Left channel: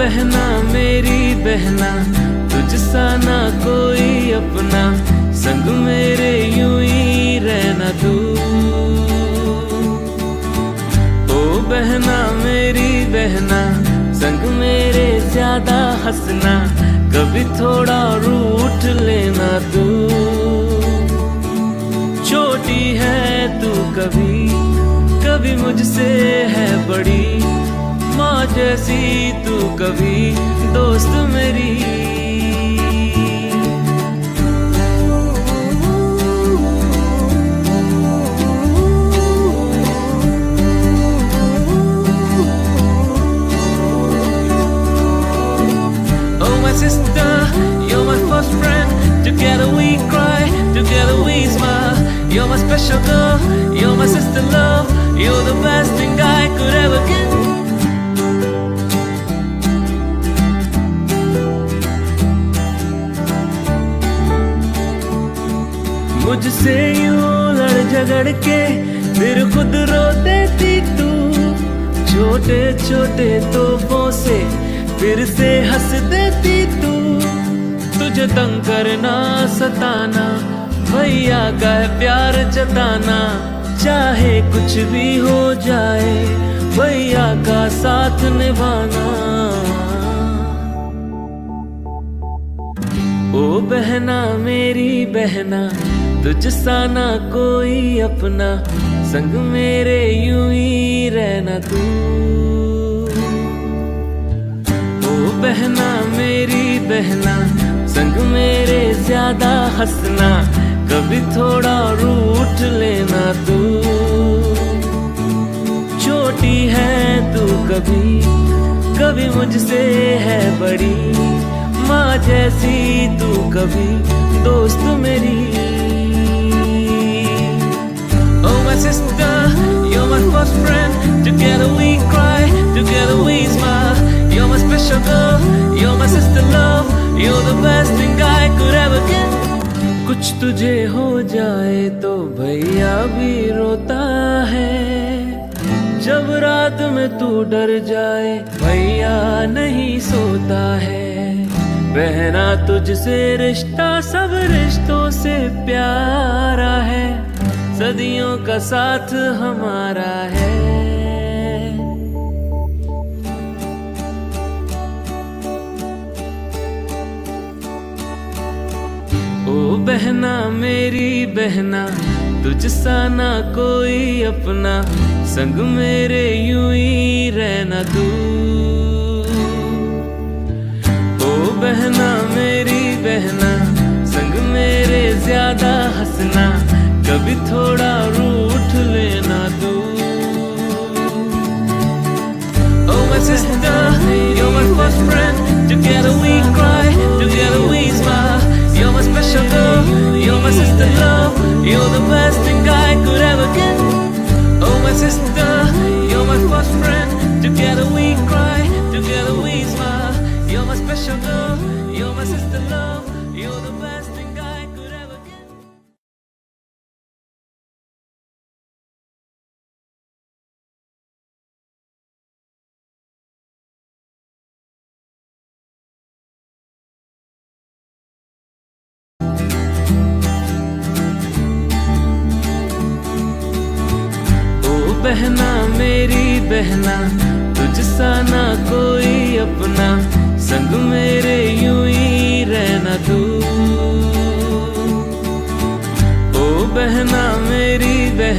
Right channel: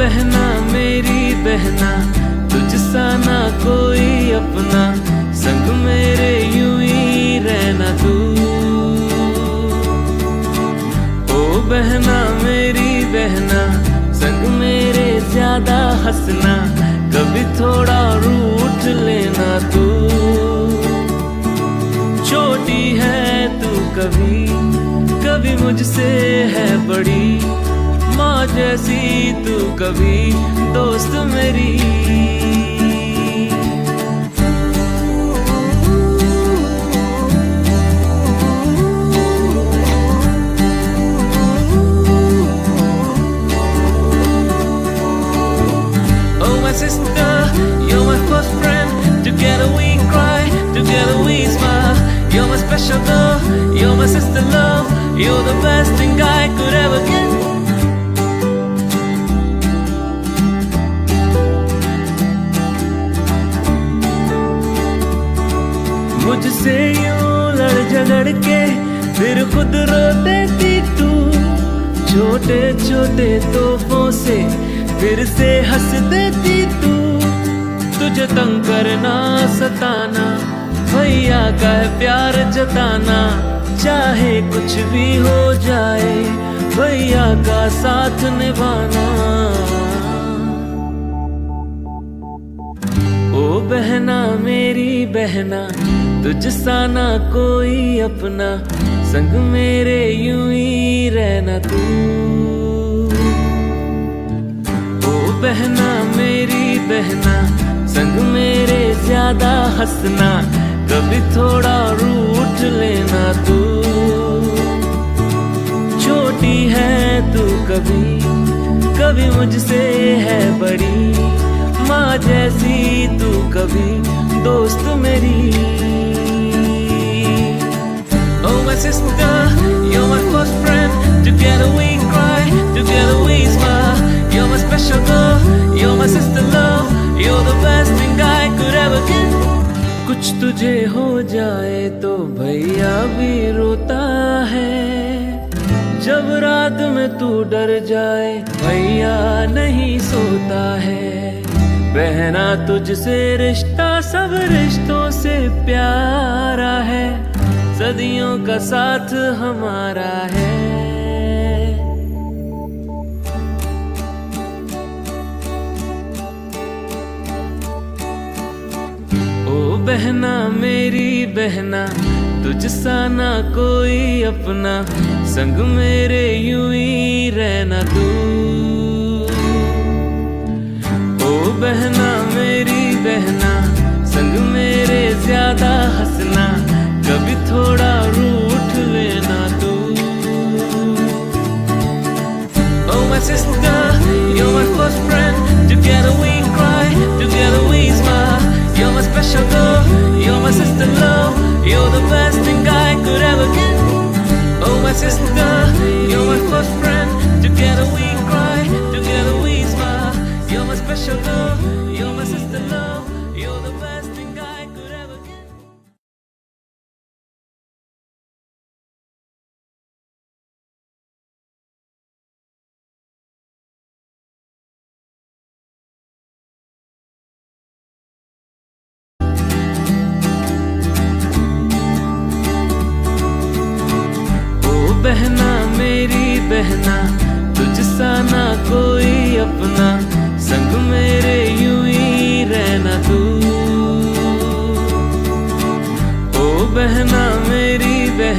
बहना मेरी बहना, तुझसा ना कोई अपना, संग मेरे यूं ही रहना तू। ओ बहना मेरी बहना, संग मेरे ज्यादा हंसना, कभी थोड़ा रूठ लेना तू। छोटी है तू कभी कभी मुझसे है बड़ी, माँ जैसी तू कभी दोस्त मेरी। Oh my sister, you're my first friend. Together we cry, together we smile. You're my special girl, you're my sister love. You're the best thing I could ever get. मुझसे यूं लड़ झगड़ के फिर खुद रो देती तू, छोटे छोटे तोहफों से फिर से हंस देती तू। तुझे तंग करना सताना, भैया का है प्यार जताना, चाहे कुछ भी हो जाए भैया का साथ निभाना। ओ बहना मेरी बहना, तुझसा ना कोई अपना, संग मेरे यूं ही रहना तू। ओ बहना मेरी बहना, संग मेरे ज्यादा हंसना, कभी थोड़ा रूठ लेना तू। छोटी है तू कभी कभी मुझसे है बड़ी, माँ जैसी तू कभी दोस्त मेरी। Oh my sister, you're my first friend. Together we cry, together we smile. You're my special girl, you're my sister love. You're the best thing I could ever get. कुछ तुझे हो जाए तो भैया भी रोता है, जब रात में तू डर जाए भैया नहीं सोता है। बहना तुझसे रिश्ता सब रिश्तों से प्यारा है, सदियों का साथ हमारा है। ओ बहना मेरी बहना, तुझसा ना कोई अपना, संग मेरे यूं ही रहना तू। ओ बहना मेरी बहना, संग मेरे ज्यादा हंसना, कभी थोड़ा रूठ लेना तू। Oh my sister, you're my first friend. Together we cry, together we smile. You're my special girl, you're my sister love. You're the best thing I could ever get. Oh my sister, you're my first friend. Together we cry, together we smile. You're my special girl, you're my sister love. You're the best thing I could ever get. बहना मेरी बहना, तुझसा ना कोई अपना, संग मेरे यूं ही रहना तू। ओ बहना मेरी बहना।